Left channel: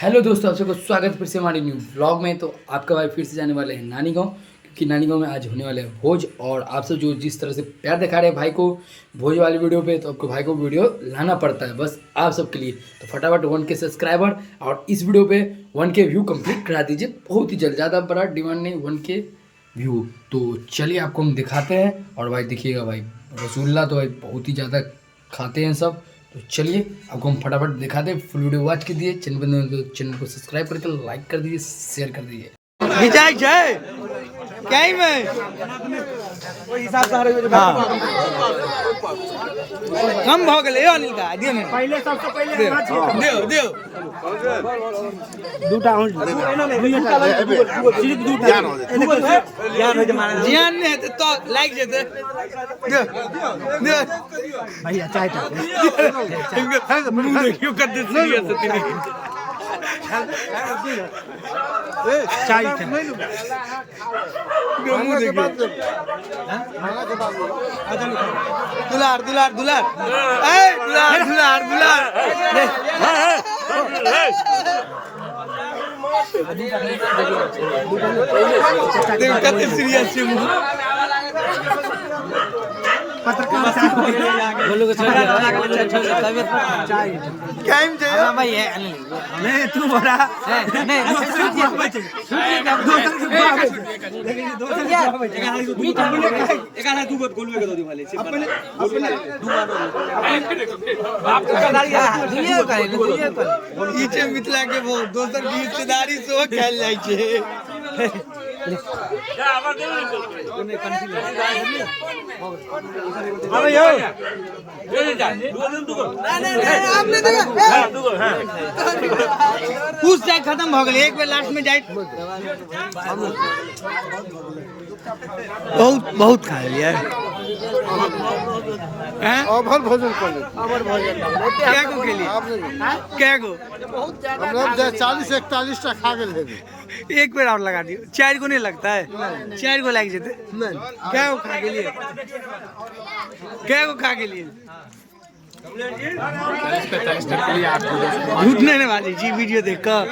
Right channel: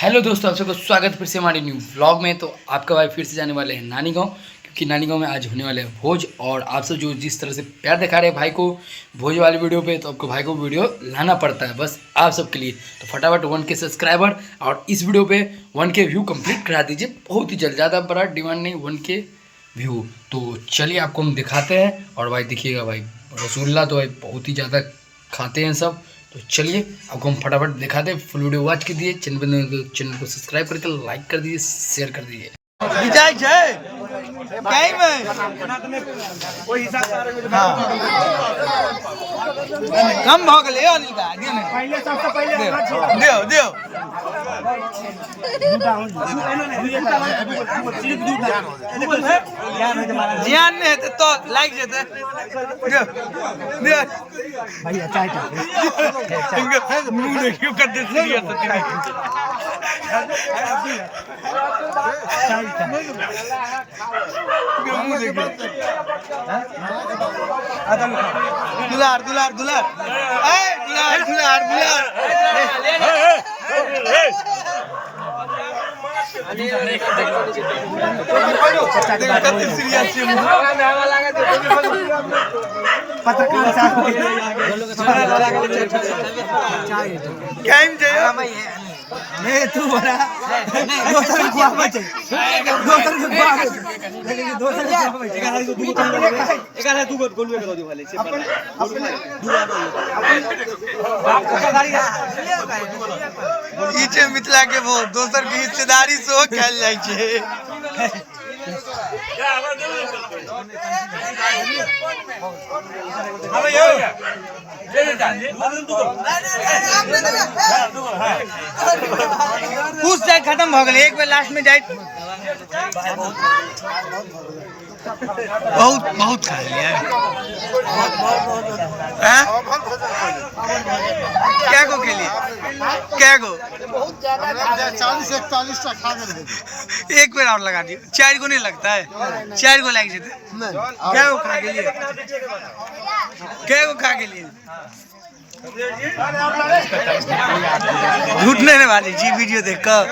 Hello दोस्तों, आप सबका स्वागत फिर से हमारे न्यू व्लॉग में। तो आपका भाई फिर से जाने वाले हैं नानी गांव, क्योंकि नानी गांव में आज होने वाले हैं भोज। और आप सब जो जिस तरह से प्यार दिखा रहे हैं भाई को भोज वाली वीडियो पे, तो आपको भाई को वीडियो लाना पड़ता है बस आप सबके लिए। तो फटाफट 1K सब्सक्राइबर और इस वीडियो पे 1K व्यू कंप्लीट करा दीजिए बहुत ही जल्द। ज़्यादा बड़ा डिमांड नहीं, 1K व्यू। तो चलिए आपको हम दिखाते हैं। और भाई देखिएगा भाई, रसगुल्ला तो भाई बहुत ही ज़्यादा खाते हैं सब। तो चलिए आपको हम फटाफट दिखाते हैं। फुल वीडियो वॉच कीजिए, चैनल को सब्सक्राइब करके लाइक कर दीजिए, शेयर कर दीजिए। विजय जय क्या ही में हाँ कम भाव के ले पहले सबसे पहले दियो दियो जियान ने तो लाइक जेते दियो दियो भैया चाय टा मुंह देखियो कर सीरियस चाय टा मुंह देखियो दुलार दुलार दुलार ए दुलार दुलार दुलार देखो कितने सीरियस है मुंह पत्रकार साहब टाइम चाहिए नहीं तू बड़ा मिथिला के वो दोसर की हिस्सेदारी से खेल जाए कुछ जाए खत्म हो गए एक बेर लास्ट में जाए बहुत बहुत खा लिया क्या को के लिए क्या को 40-41 टा खा गए। एक बेर और लगा दियो 4 को नहीं लगता है 4 को लग जेते क्या को खा के लिए क्या को खा के लिए झूठ नहीं वाली जी वीडियो देख कर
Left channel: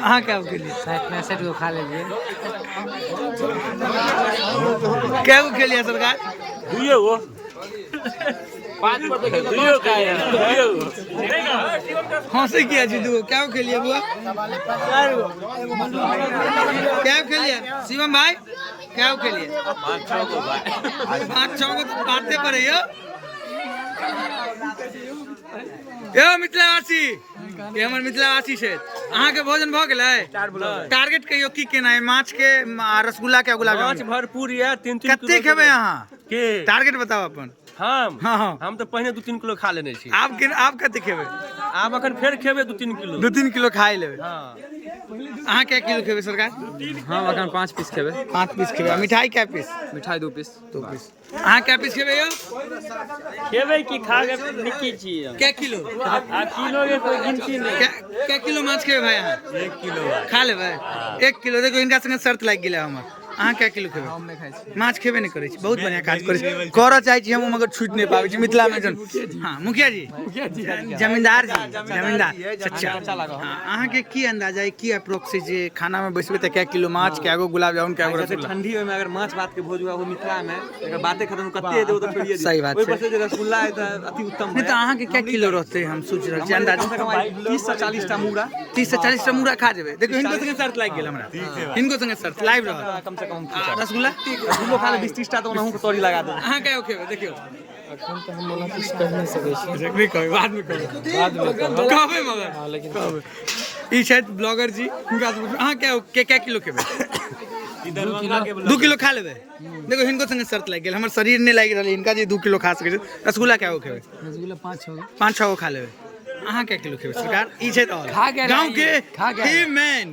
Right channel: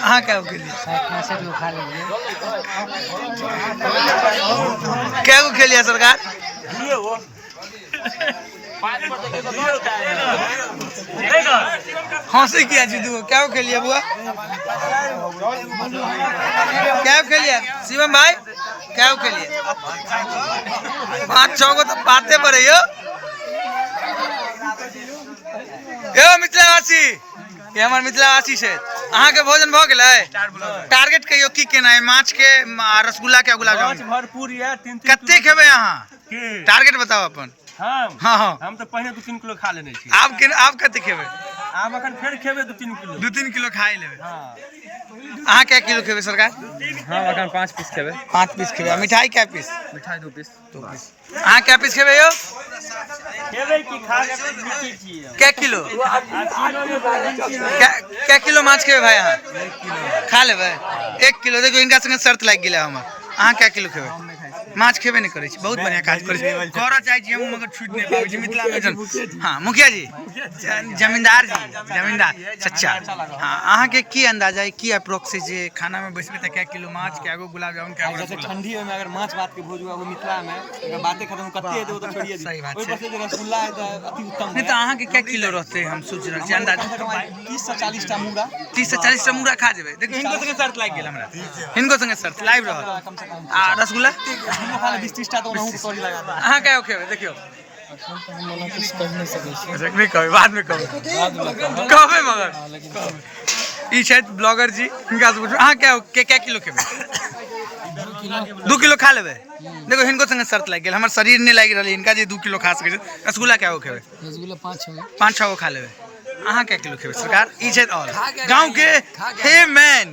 हाँ क्या के लिए 60 को खा लीजिए। क्या को खेलिए सरकार हंसी किया जी तू क्या को खेलिए बुआ क्या को खेलिए शिवम भाई क्या को खेलिए 5-6 को तो पाते पड़े यो मिथिलावासी ये हमारे मिथिलावासी से अहाँ के भोजन भ गेलै टारगेट कहियो की केना है माछ के रसगुल्ला के गुलाब जामुन भरपूर है 3 कते खेबै अहाँ टारगेट बताओ अपन हम तो पहले 2-3 किलो खा लेने छी आप कते खेबै आब अखन फेर खेबै 2-3 किलो 2-3 किलो खाई लेबै हां अहाँ क्या किलो खेबै सरकार हम अखन 5 पीस खेबै 5 पीस खेबै मिठाई क्या पीस मिठाई 2 पीस अहाँ क्या पीस खेबै यो खेबै की खा के निकी छी क्या किलो आ किलो ये तो गिनती नहीं क्या किलो माछ खेबै भाई अहाँ 1 किलो खा लेबै 1 किलो देखो इनका संगे शर्त लाग गेलै हमर अहाँ क्या किलो खेबै माछ खेबे नहीं करै छी बहुत बढ़िया काज करै छी करऽ चाहै छी हम मगर छूट नहीं पाबै छी मिथिला में जन हां मुखिया जी जमींदार चचा हां अहाँ के की अंदाजा है की अप्रोक्स जे खाना में बैसबे त क्या किलो माछ क्या गो गुलाब जामुन क्या गो जैसे ठंडी में अगर माछ भात के भोज हुआ वो मिथिला में अगर बातें खत्म कते देबो तो छोड़िए सही बात ओइ पर से रसगुल्ला है त अति उत्तम है। तो अहाँ के क्या किलो रहते हम सोच रहल छी अंदाजा 30 से 40 टा मुड़ा 30 से 40 टा मुड़ा खा जेबै देखियो हिनको संगे शर्त लाग गेल हमरा हिनको संगे शर्त लाइव रहत कम से कम आ रसगुल्ला किलो खा ले 20-30 टा तो ओनहु के तोरी लगा दे अहाँ क्या खेबै देखियो अखन तो हम वाला किछ कह नहीं सकै छी, नहीं कहबै बाद में कहबै मगर कहबै ई छै ब्लॉगर जी इनका से पूछो अहाँ क्या किलो खेबै 2 किलो खा लेबै देखो हिनको संगे शर्त लाग गेल हमर शरीर नहीं लाग रहल इनका जे 2 किलो खा सकै छै रसगुल्ला क्या खेबै रसगुल्ला 5-6 को खा लेबै अहाँ क्या किलो खेबै सरकार ई छै ऑल गांव के हे मैन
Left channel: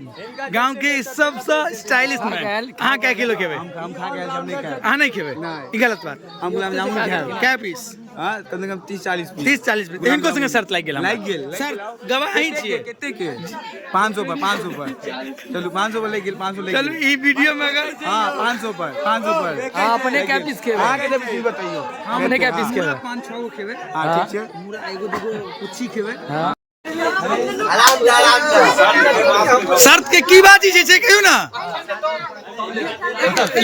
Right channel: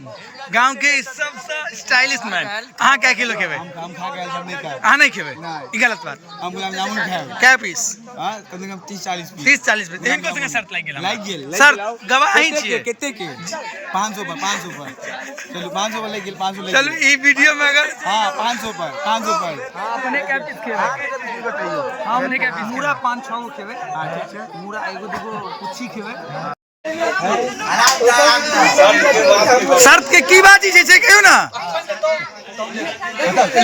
गांव के सबसे स्टाइलिश मैन अहाँ क्या किलो खेबै हम खा के हम नहीं खाए अहाँ नहीं खेबै ई गलत बात हम गुलाब जामुन खाए क्या पीस हां कम से कम 30-40 पीस 30-40 पीस इनको संगे शर्त लाग गेल सर गवाह ही छियै कितने के 500 पर चलो 500 पर ले गेल 500 ले चलो ई वीडियो में अगर हां 500 पर हां अपने क्या पीस खेबै आगे दे बताइयो हां अपने क्या पीस पूरा खेबै 5-6 गो खेबै हां ठीक छै पूरा एगो दूगो कुछी खेबै शर्त के की बाजी छै कहियो ना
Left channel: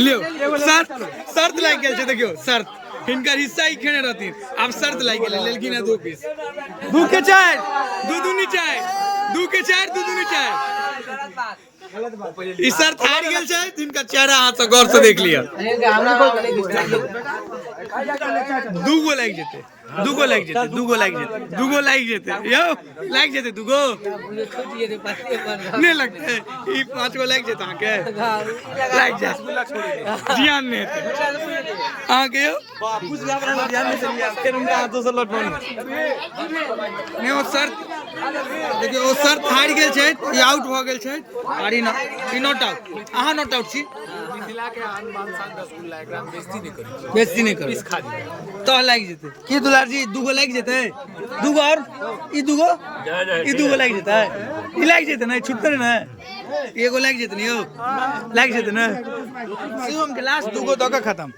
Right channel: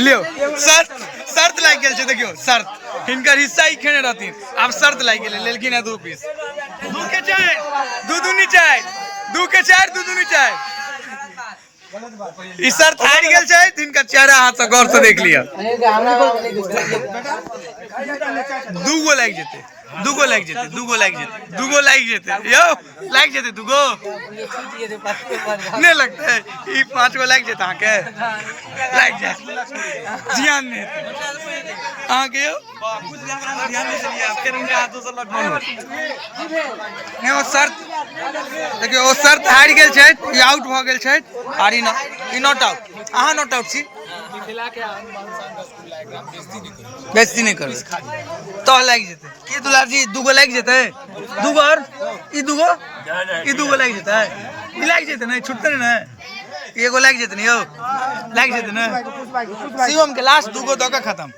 लियो शर्त लाग गेल छै देखियो शर्त हिनकर हिस्सा ही खेने रहथिन आब शर्त लाग गेलै लेलखिन है 2 पीस 2 के 4 2 दूनी 4 2 के 4 2 दूनी 4 ई शर्त हारि गेल छै तिनका चेहरा हाथ से गौर से देख लिया 2 गो लाग जेते 2 गो लाग जेते 2 गो लाग जेते 2 गो लाग जेते यो लाग जेते 2 गो नहीं लगता है ई 5 गो लाग जेते आके लाग जाए ध्यान नहीं आके यो कुछ लग रहा है ध्यान नहीं चलिए फिर उनका हाथ दूसरा लौट नहीं वो शर्त देखियो वो शर्त हारि गेल छै ई आउट भ गेल छै और ई नॉट आउट अहाँ नॉट आउट छी बेइज्जती नहीं करू तो लाग जेते की दुलार जी 2 गो लाग जेते 2 गो और ई 2 गो लाग जेते ई लाग जेते ना छुटते ना एगो लाग जेते ना यो लाग जेते ना शिवम के लास्ट 2 गो दका खत्म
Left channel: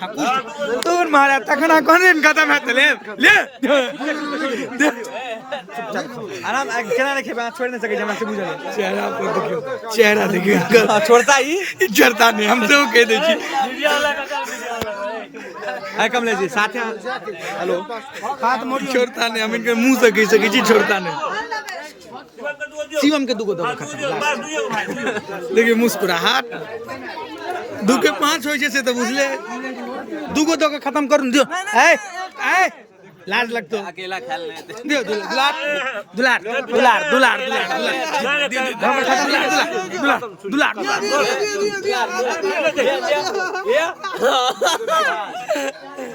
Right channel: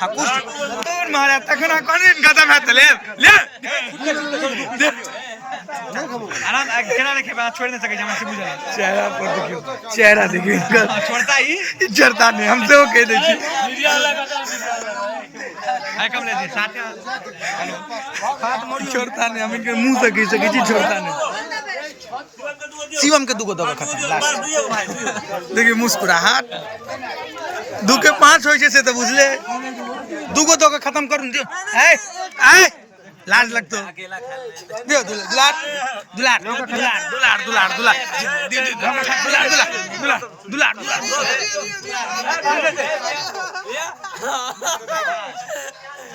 हां कुछ तोर मारा तखना कोन खत्म है ले आराम केना रखे बा छोड़ नहीं सके जमा से बुझल चेहरा पर देखियो चेहरा देखियो इनका छोड़ता ही इज्जतदार नहीं हमसे वो कह दे छी है कमले जी साथ हेलो छोड़ता नहीं हम इनके मुंह से कह सके छी छोड़ता नहीं शिवम के 2 गो दगा खत्म लास्ट देखिए मुस्कुराहट 2 के 5 होय छै से तो बुझले 2 गो दगा खत्म कर दियो ए लाज लगतो अकेला खेल दियो दुलार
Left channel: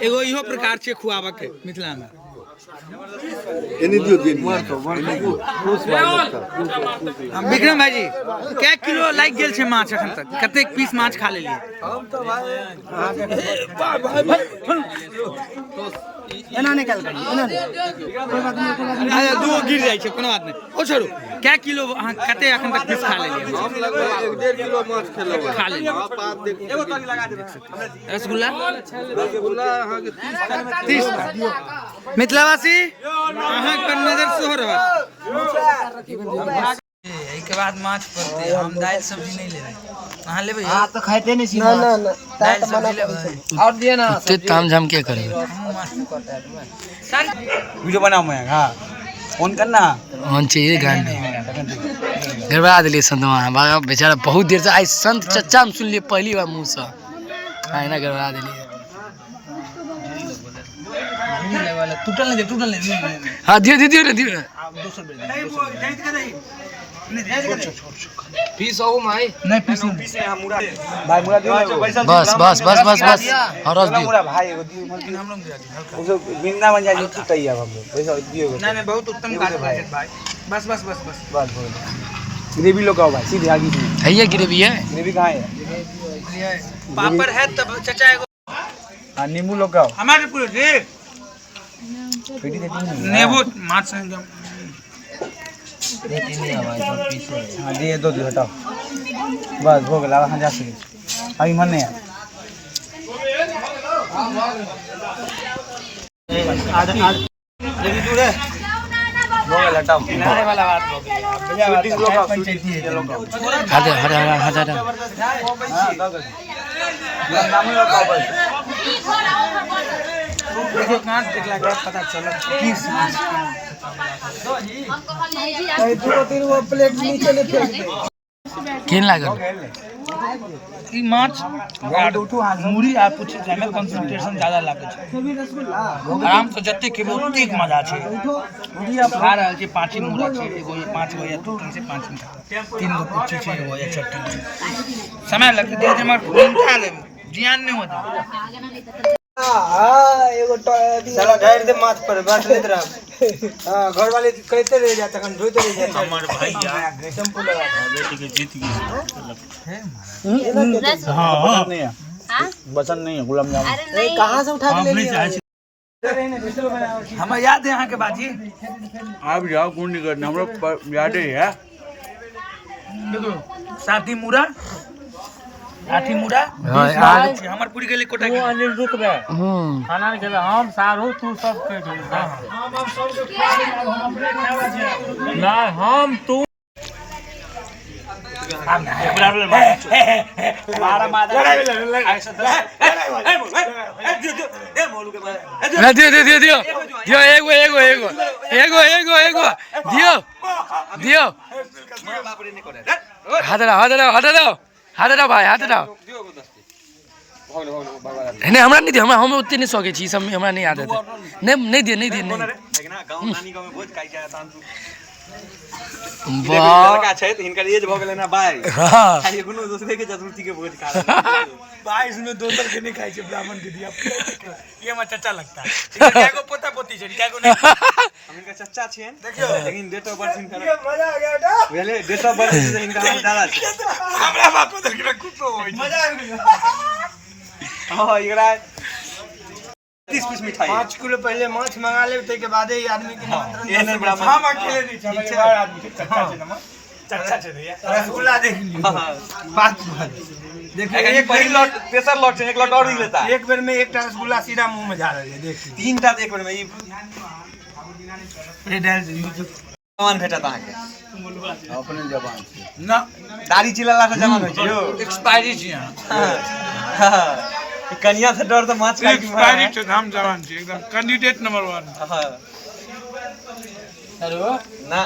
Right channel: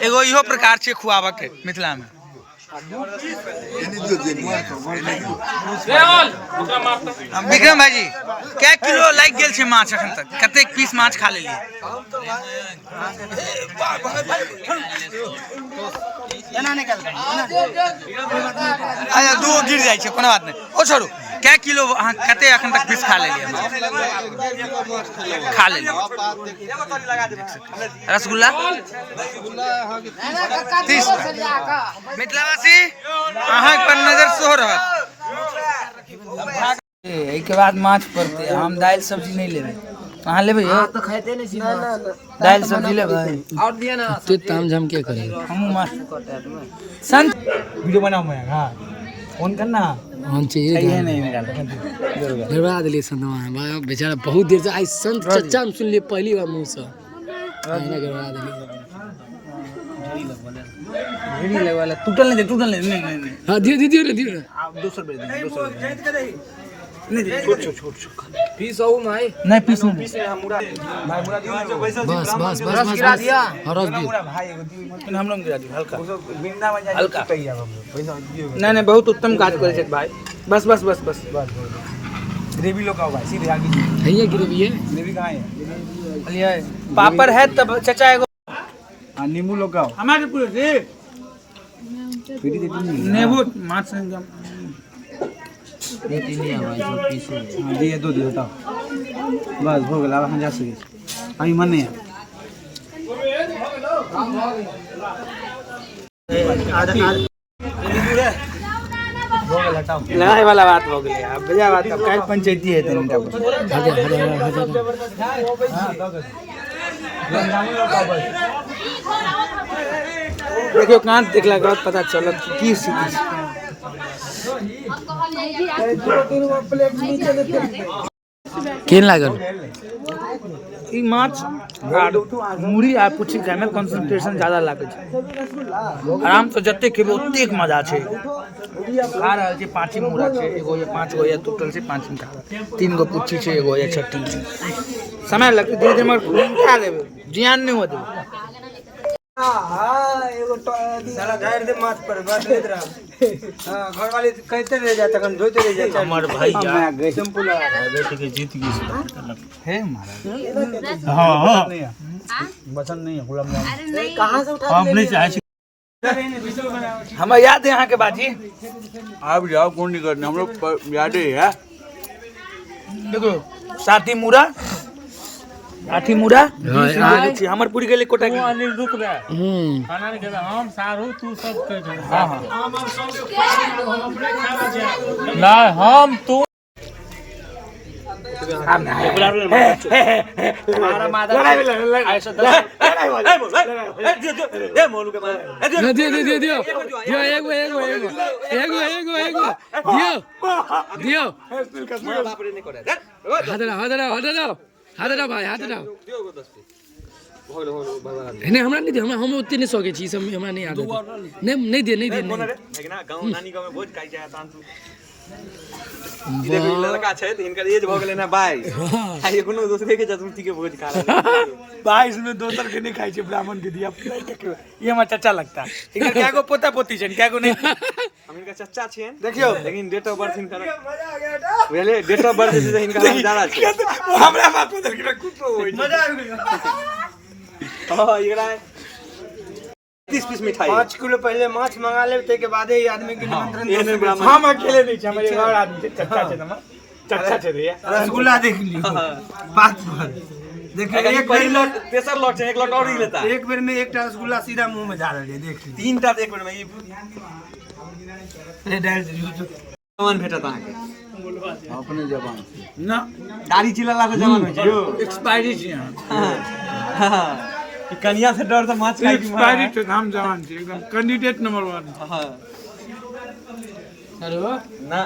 एगो इहो प्रकार छै खुआबा के मिथिला में विक्रम भाईजी क्या किलो लाग गेल छै माछ अखन तक कतेक पीस माछ खा लेलिए अच्छा 2 गिर जाय छै कोनो बात नहीं ओ छोड़ू क्या किलो अहाँ कते अखन तक पीस खा लेलिए हम लगभग 1.5 किलो माछ खेलौ खा लेलिए रसगुल्ला अहाँ के 30 का मिथिलावासी अहाँ पर नजर सेहो रहत के बाद माछ पड़ते हम दाल सब्जी नहीं लेबे कहां लेबे हां तो खाइते नहीं छी ना दाल सब्जी लेबे और दिए ना ते तामझाम क्या करेगा हम माछ संत वीडियो बनाओ मैं हां फोन करना ऑन चाहिए गान गड़बड़ा दिली संत वहाँ बेचारा बहुत देर से आई संत चच्चा हम सुन लिए पहली बार मुंह से है ना गड़बड़ा दिली टूटल नहीं हाँ दियो ना आप 200 रुपए पीस हो माई नहीं पीस नहीं भाई मुरा दियो बस और रस दियो भाई लेकिन हम लोग गिरा दी हल्का बिंदा बन जाए कही अब पैसा दियो नहीं बहुत उत्तम काज करे छै भाई बस ग्रेवी लोग आओ भाई सीधे आगे है ये ग्रेवी है ग्रेवी कहां है पापड़ है तब चाचा एगो हां नींबू लोग आओ हमारे पूरे जी पीटी देती नेबो माछ से एकदम हां दे दो हटाओ बस हो गया हम जा सके अभी मन नहीं है लड़ाई वाला बात हो गई अब बजा बात काय पंचायती है तुम का हटा देखो कांच देखला के बाद पता चलत की स्थिति केन लागल ई माछ मुरी आ पुछि खाय में कंसंट्रेशन ज्यादा लागे छै आराम से जत्ते खेबो ओतेक मजा छै खा रहल छै 5 मुरा छै एगो या 5 गो या टोटल से 5 का 3 गो पुछि छै एगो या छट्टी समय लगते धीरे धीरे मगर खा लेबे जियान नहीं होते एगो साला गाड़ दे माथ पर बस लेत रह हां घर वाले कहते रह जात तखन धोते रह जात हमर भाई सिंपल बेटी के जीत गई है हां नहीं है बचन नहीं है गुलाम जामुन अरे नहीं कहां से उठा ले हमें याद है यहाँ के बाजी आप जाओ कौन नहीं करना हम लोग याद है देखो साथी मुरा आठी मुरा हमर पूरी के लिए कोटा की अनिल दुख में खाना नहीं देबे हम सारू तू सब कह दे हां हम सब के हम अपने खा ले ना हम तू दियो एगो दियो हाथ हटाओ भाई हाथ हटाओ नहीं हमरा नहीं दियो हम उतने नहीं सके छी सब हमरा नहीं आदत है नहीं दिए नहीं लड़का छै त हिनकर एज भ गेलै ना 22 हाँ आ एखनो दोसरे के चतुर्थी के भोज खा रहल 22 में दोसर के नहीं खाई छे ब्राह्मण के दिया ये हमारा चाचा लगता है कैगो पोता पोती छन कैगो नहीं हम इनका चच्चा छियन देखियो लेकिन डेट ऑफ बर्थ हिनकर मजा आ गया बेटा बुझले डेट ऑफ बर्थ से हिनका हम ज्यादा छै हमरा बाप उधर के कुछो होई मजा आ गया हां एकरा 30 पीस मिठाई 5 किलो पहले माछ मंगा ले ते के बाद ही आदमी के निमंत्रण ये नहीं ब्राह्मण हम अकेले नहीं हमारे बाहर आदमी के चच्चा छे ना चच्चा छे रे रसगुल्ला देख ली 5 देखिए एक पहिल लॉट तेसर लॉट छै एक लॉट और ही लेता एक बेर में एकटा रसगुल्ला सीधा मुंह में जा रहले देख तीनटा एक बेर में ई ये डाल जवान भेटत अहाँ के अपने जवान ना दाढ़ी चिल्लाला से जवान होय छै यो एक्सपायरी छी हां कन्या से डर तो माछ खाई की एक्सपायरी तो हम जवान छी एकदम कैंडिडेट नंबर 1 हां हेलो ना